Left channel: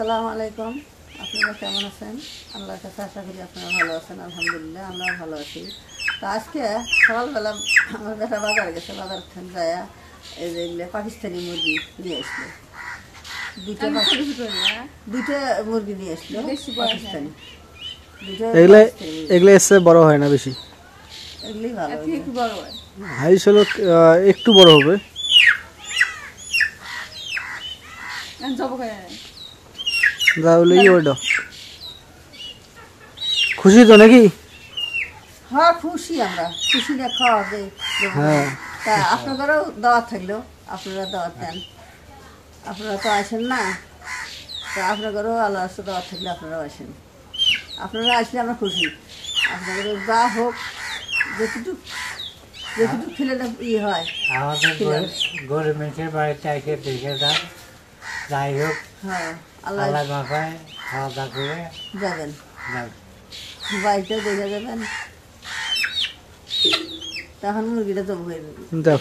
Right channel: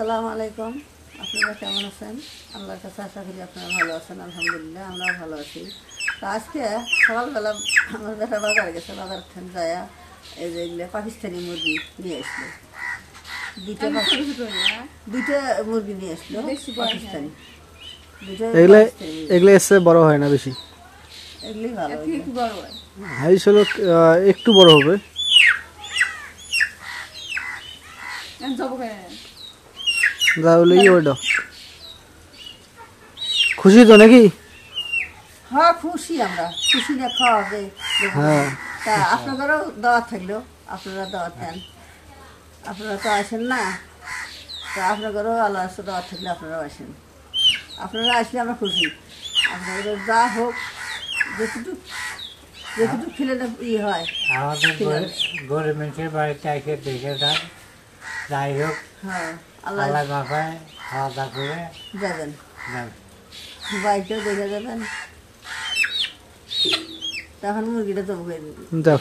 আসসালামু আলাইকুম। আপনারা কেমন আছেন? আল্লাহর কাছে আশা করি আপনারা ভালো আছেন। আলহামদুলিল্লাহ আমরাও ভালো আছি। তো আজকে সকালবেলা আমার বেটা বাজারে গেছে, বাজার থেকে যায় এই যে এগুলো পাকিস্তানি মুরগি নিয়ে আসলো। দুইটা মুরগি নিয়ে আসলো পাকিস্তানি। এগুলো এসে বড় হয় না বেশি, এগুলোই ভালো, একটু বড় হয়। হাইস হলো একটু বড় হবে। খুশি তো নাকি? হ্যাঁ খুশি, আমরা খুশি না খাওয়া যায়। হ্যাঁ, তা আপনাদেরও দাওয়াত থাকলো, আপনারা দাওয়াত দেন। আপনারা তো আসেন না, তা আপনাদেরও আল্লাহ আছে, দাওয়াত থাকলে আপনারাও আসেন। আপনারা আসলে আমরা খুশি। আপনাদের যা হোক, যেটুকু খেলে হয়। আমাদের গরিব মানুষের বাড়িতে এসে দেখে যান, যাই হোক। হ্যাঁ, আল্লাহ মাথায় খাওয়া দাওয়া করে যাবেন, বাড়িতেও দেখে যাবেন। তখন মুরগিটা তো ভুয়ে দাও।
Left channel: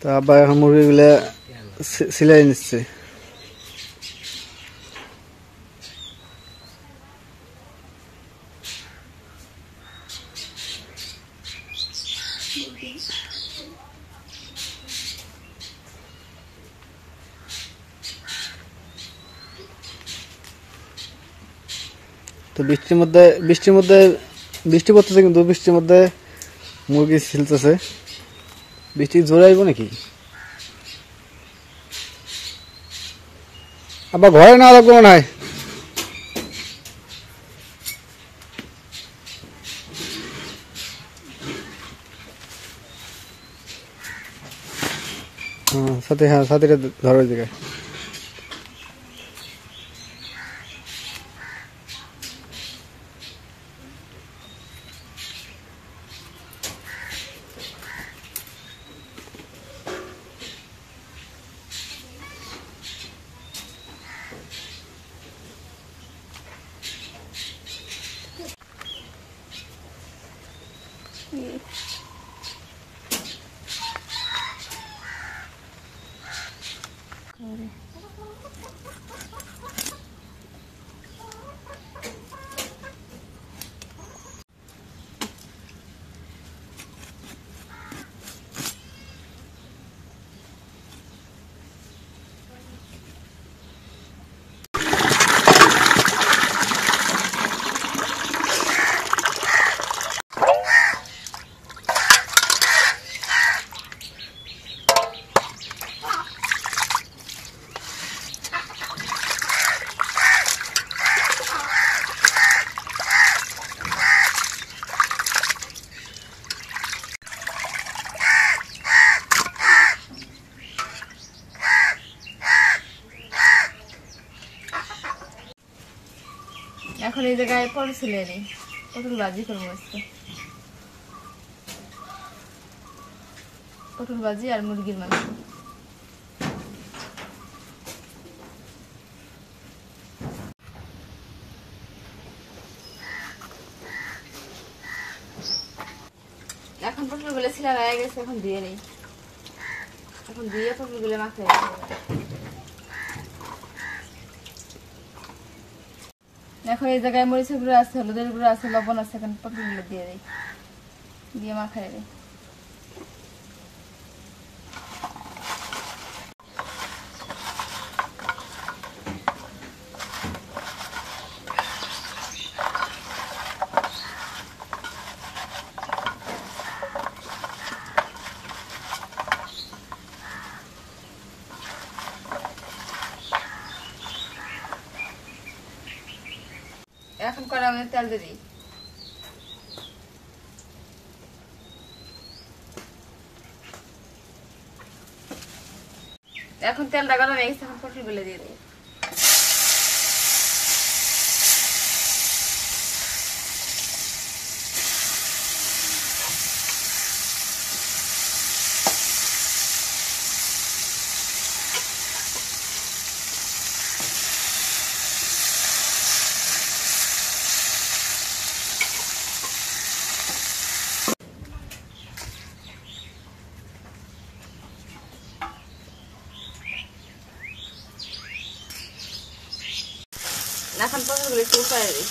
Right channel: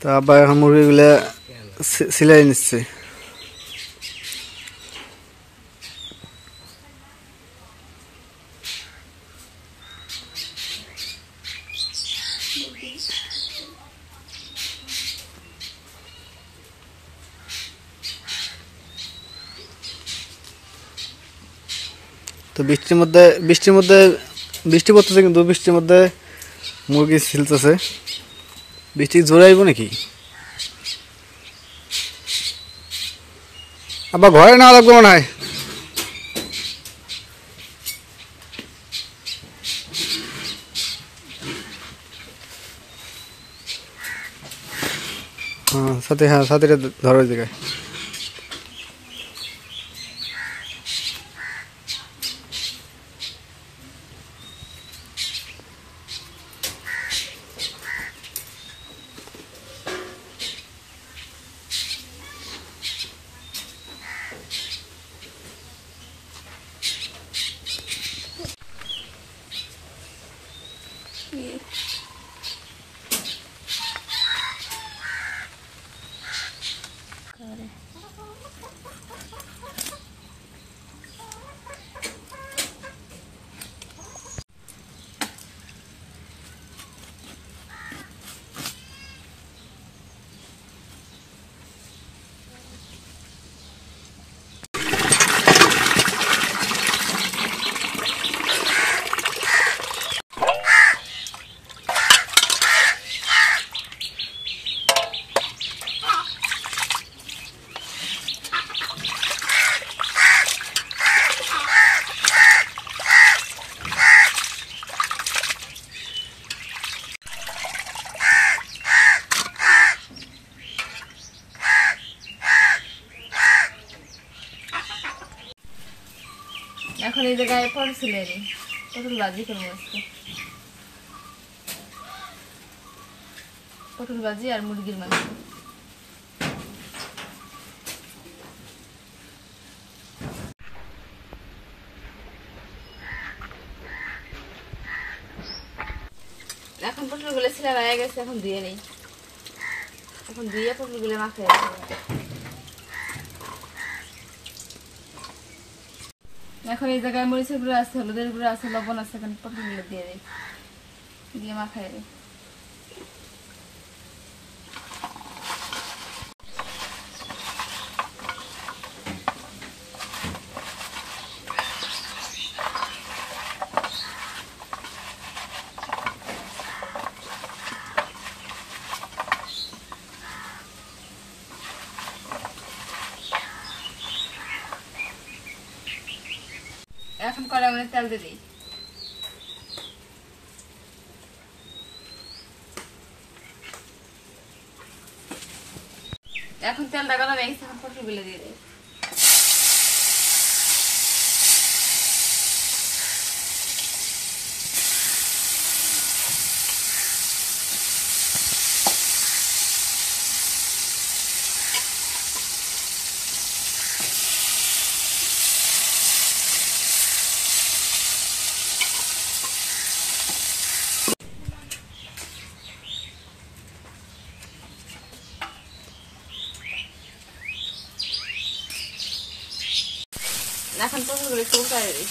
তা আবার এখন মুরগিগুলা সিলাই নিচ্ছে। তো বৃষ্টি পড়তেছে, কিন্তু বৃষ্টির মধ্যে মুরগি ছিলতেছে। বৃষ্টি জোরে আইব নাকি? আবার ঘরে না লাগবে মনে হয়। হ্যাঁ সাথীরা ধরার জায়গায়। এখন এই জায়গায় পটল ভাজি করবো আজকে। পটল ভাজি আর মুরগির মাংস। এখন পটল গুলো ছিলা রয়ে গেছে, এখন ধুয়ে নেই। এখন ধুয়ে পটল গুলো মাখাই। এখন এই জায়গায় মরিচের গুঁড়ো আছে, হলুদের গুঁড়ো আছে, লবণ আছে। এখন পটলগুলো দিয়ে দিই, দিয়ে মাখাই দিই। এখন কড়াইয়ে তেল দিয়ে দিই। এখন তেলটা গরম হয়ে গেছে, এখন পটলগুলো দিয়ে দিই। এখন পটলগুলো একটু উল্টায় দিই।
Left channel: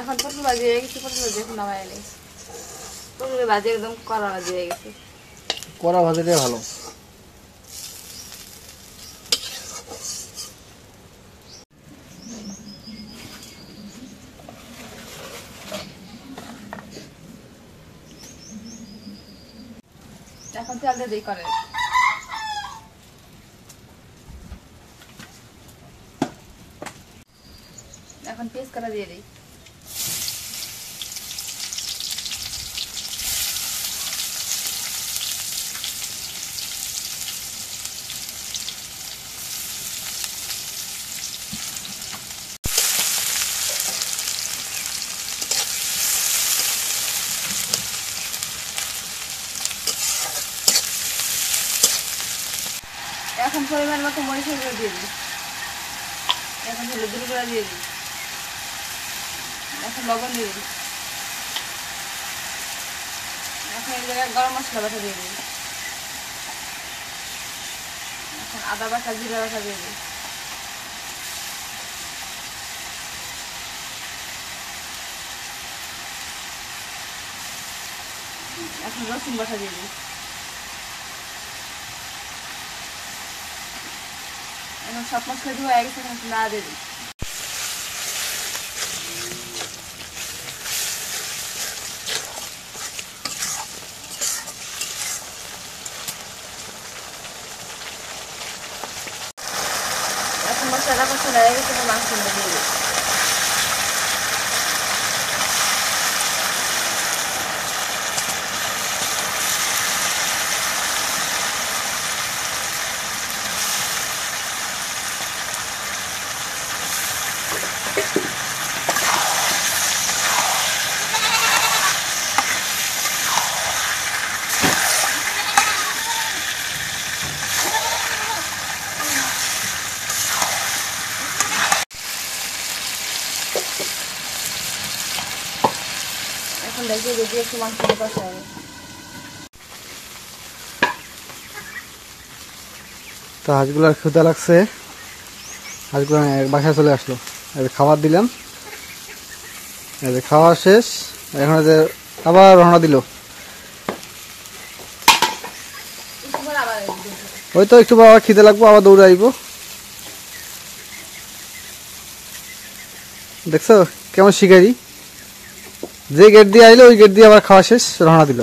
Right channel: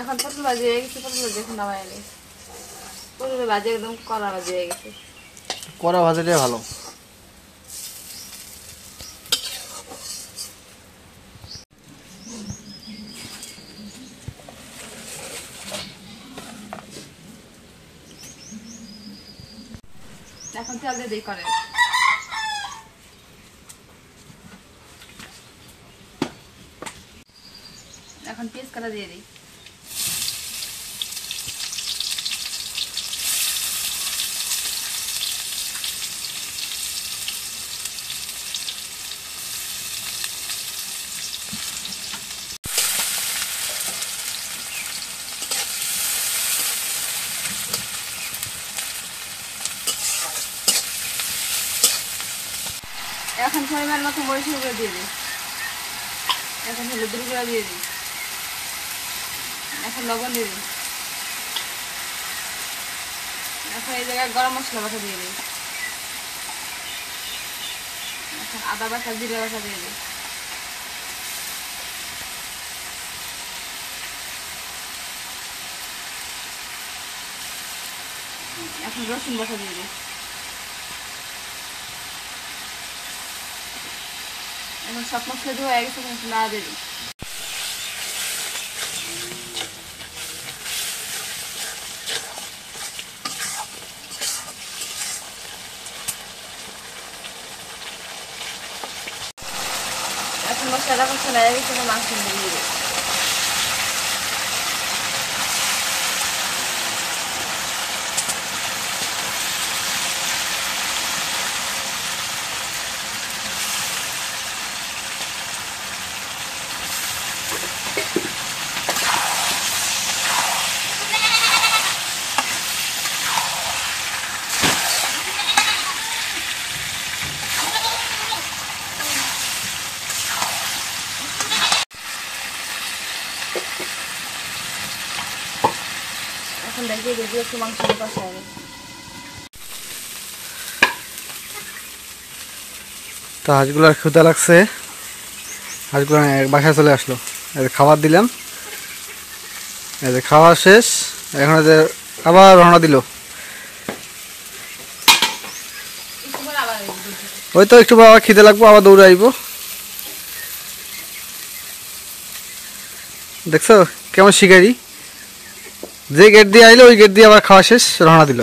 এখন পটল ভাজি হয়ে গেছে, পটল ভাজি এখন নামাই নিই। পটল ভাজি একদম কড়া ভাজি হয়ে গেছে। কড়া ভাজাটাই ভালো। এখন তেল দিয়ে দিই কড়াই। এখন পেঁয়াজ কাটা দিয়ে দিই। এখন পরিমাণ মতো মরিচের গুঁড়ো দিয়ে দিই। এখন হলুদের গুঁড়ো দিয়ে দিই। এখন লবণ দিয়ে দিই। এখন এই জায়গায় গরম মশলা বাটা দিয়ে দিই। এখন আদা বাটা জিরা বাটা দিয়ে দিই। এখন রসুন বাটা দিয়ে দিই। এখন সব মশলা দিয়ে হয়ে গেছে, এখন নাড়া দিয়ে দিই। এখন মশলা হয়ে গেছে, মাংস দিয়ে দিই। এখন দেখি যদি একটু মাংস কষায়। তো হাঁসগুলোর ক্ষুধা লাগছে, হাঁসগুলো বাসায় চলে আসলো। খাবার দিলাম, খাওয়া শেষ। এখন আবার রওনা দিল। ওই তো একটু আবার খিদে লাগবো, আবার দৌড়ে আইব। দেখছো কেমন শিকারি, যে গেট দিয়ে আইলো ওই গেট দিয়ে আবার খাওয়া শেষ, রওনা দিল।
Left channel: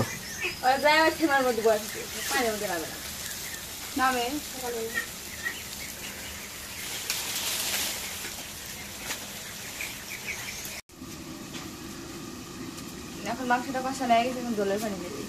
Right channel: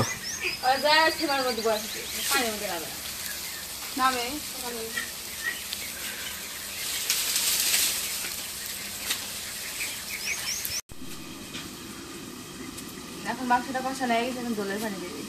এখন মাংসটা কষানো হয়ে গেছে, এখন জলের পানি দিয়ে দিই।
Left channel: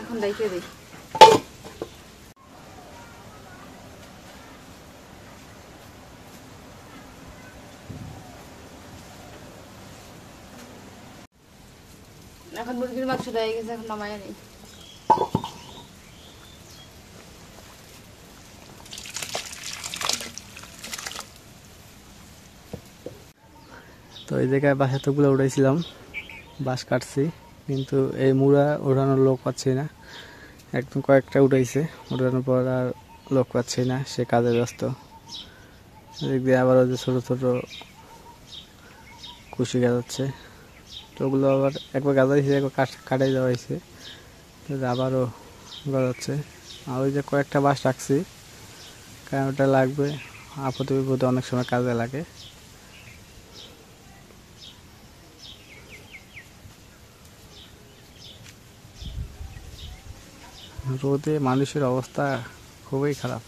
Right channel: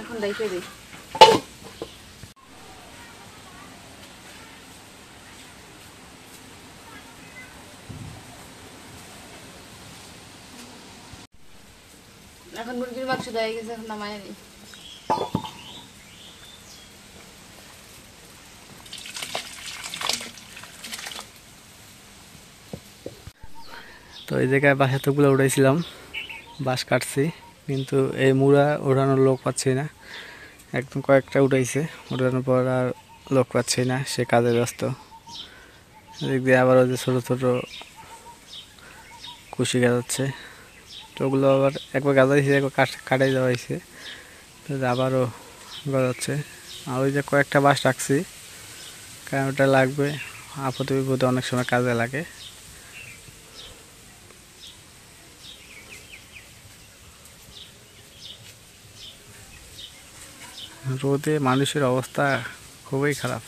এখন রেখে দিই। এখন মুরগির মাংস হয়ে গেছে, এখন নামাই নিই। তো এই জায়গায় বাঁশ এতগুলো উঠাইছিলাম, বাঁশ কাটছি, কিন্তু এই মুড়া ওঠানোর লোক পাচ্ছি না। একদম কয়েকটা উঠাইছে, উঠানোর পর আর লোক পাচ্ছি না, সে কাজে ব্যস্ত। এদিক দিয়ে আবার ওই যে ছোটো ছোটো কুশি গাজাচ্ছে, তো ওগুলো আবার একবার গাজাইছে, একবার কাটাই দেওয়া হয়েছে, আবারও গজাচ্ছে। আর ওই যে কয়েকটা বাঁশ রাখছি, কারণ ওটা লাগবে, আপদে বিপদে অনেক সময় কাজে লাগে। রোদে মানুষের অবস্থা খুবই খারাপ।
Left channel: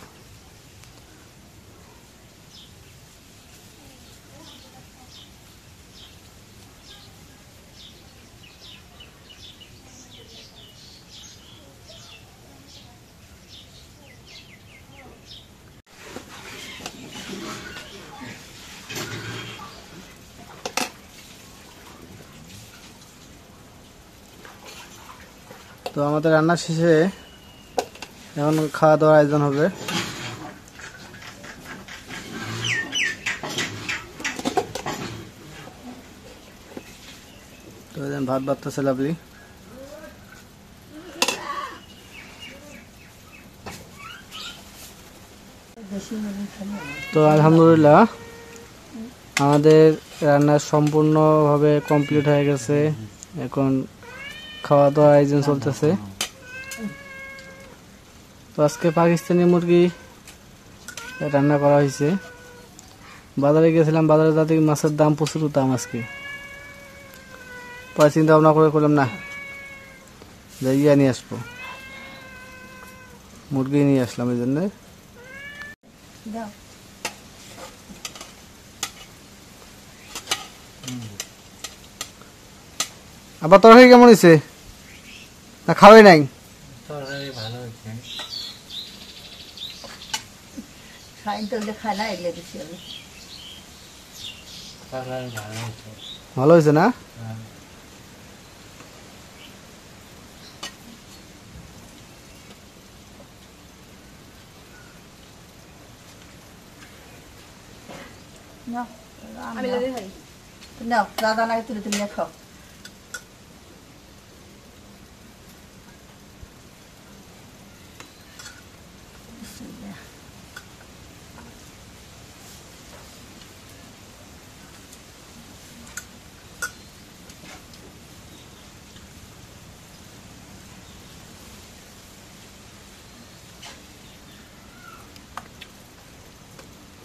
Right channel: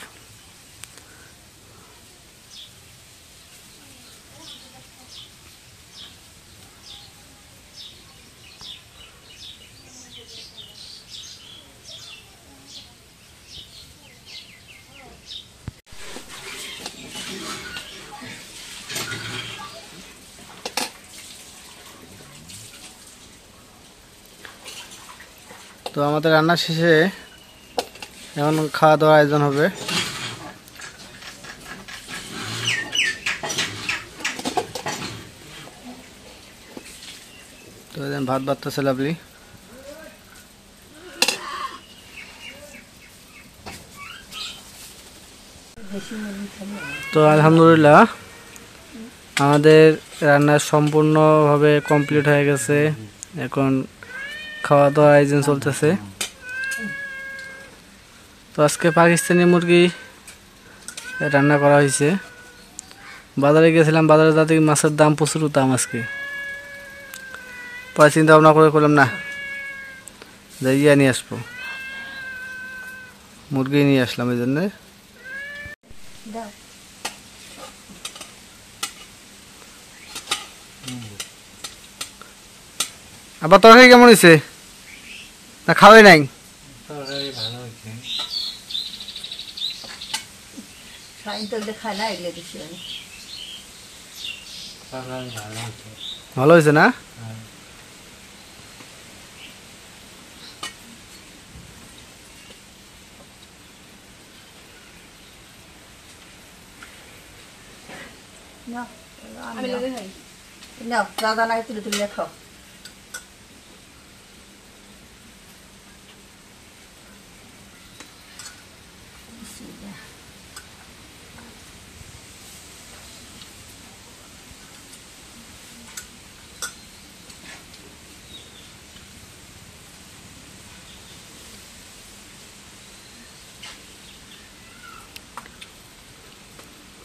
তো আমাদের রান্না শেষে এখন খাওয়া দাওয়ার আয়োজন হবে। তো ভাত বাড়তেছে লাভলি। তো আলহামদুলিল্লাহ আমাদের রান্না সম্পূর্ণভাবে কমপ্লিট হয়ে গেছে। এখন খাওয়া দাওয়ার আয়োজন চলতেছে। তো আজকে পাকিস্তানি মুরগি রান্না করা হয়েছে। বাজারে গেছিলাম, বাজারে যাতে মাছের দাম প্রচুর দাম আজকে। পরে চিন্তা ভাবনা করে করলাম না যে নিয়ে আসবো, মুরগি নিয়ে আসলাম। এই জন্যে আবার তরকারি কেমন হয়েছে না খাওয়াই নাই? ভালো হয়েছে না? দাদা নাই তুলে তুলে খাও।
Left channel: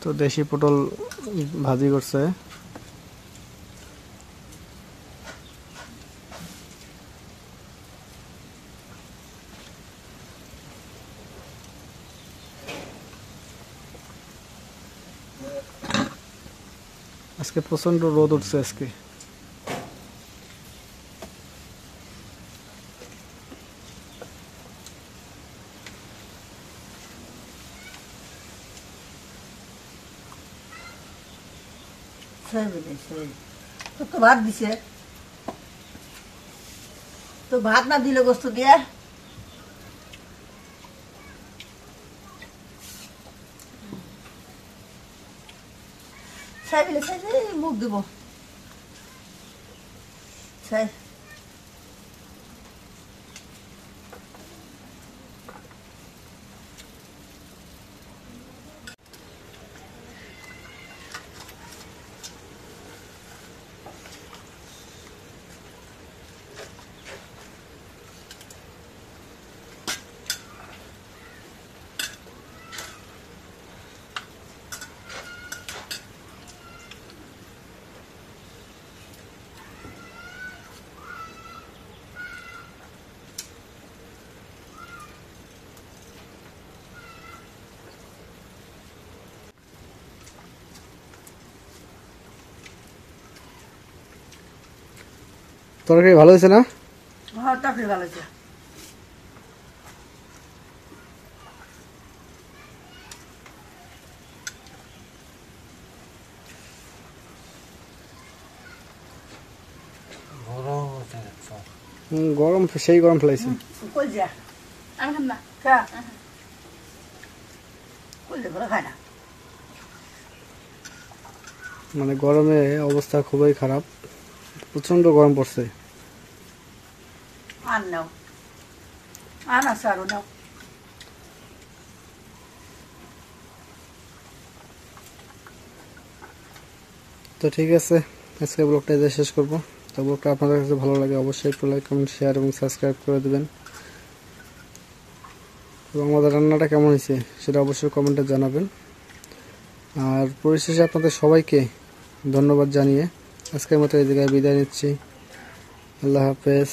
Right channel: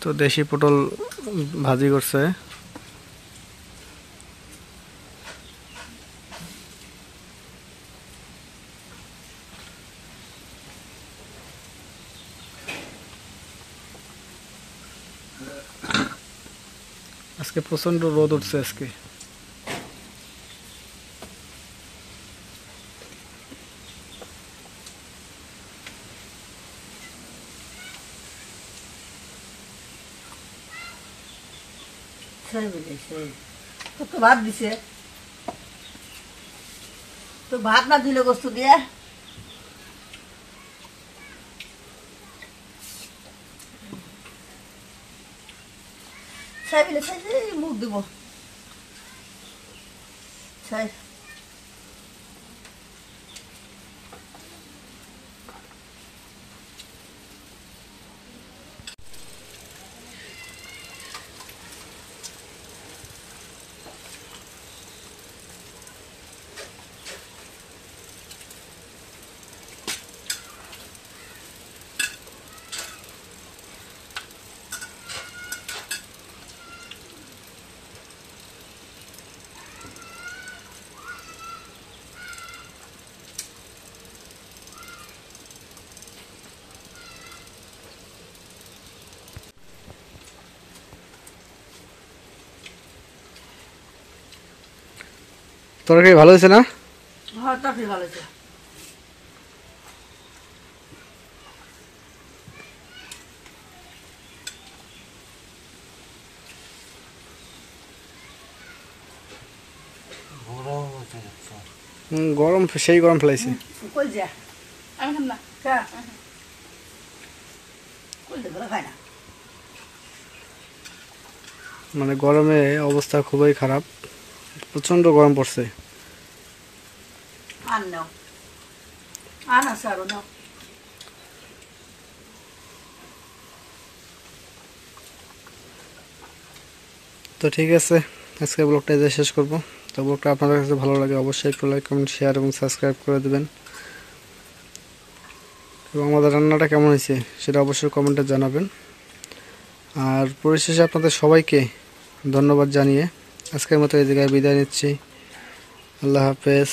তো দেশি পটল ভাজি করছে। আজকে প্রচন্ড রোদ উঠছে আজকে। তো ভাত দিছে, তো ভাত না দিলে গোস্ত দিয়ে ছাইলে ছাই মুখ দিব ছাই। তরকারি ভালো হয়েছে না? হ্যাঁ তরকারি ভালো হয়েছে। গরম, সেই গরম ফেলাইছে। কই যা আমি খাম না। খা কইলে ভালো খায় না। মানে গরমে অবস্থা খুবই খারাপ, প্রচন্ড গরম পড়ছে। আন নাও, আন আছে আরো নাও। তো ঠিক আছে, আজকে ব্লগটা এখানে শেষ করব। তো ব্লগটা আপনাদের কাছে ভালো লাগে অবশ্যই একটু লাইক, কমেন্ট, শেয়ার এবং সাবস্ক্রাইব করে দেবেন। এবং আমাদের রান্নাটা কেমন হয়েছে সেটা অবশ্যই কমেন্টে জানাবেন। আর পরিশেষে আপনাদের সবাইকে ধন্যবাদ জানিয়ে আজকের মতো এই জায়গায় বিদায় নিচ্ছি। আল্লাহ হাফেজ।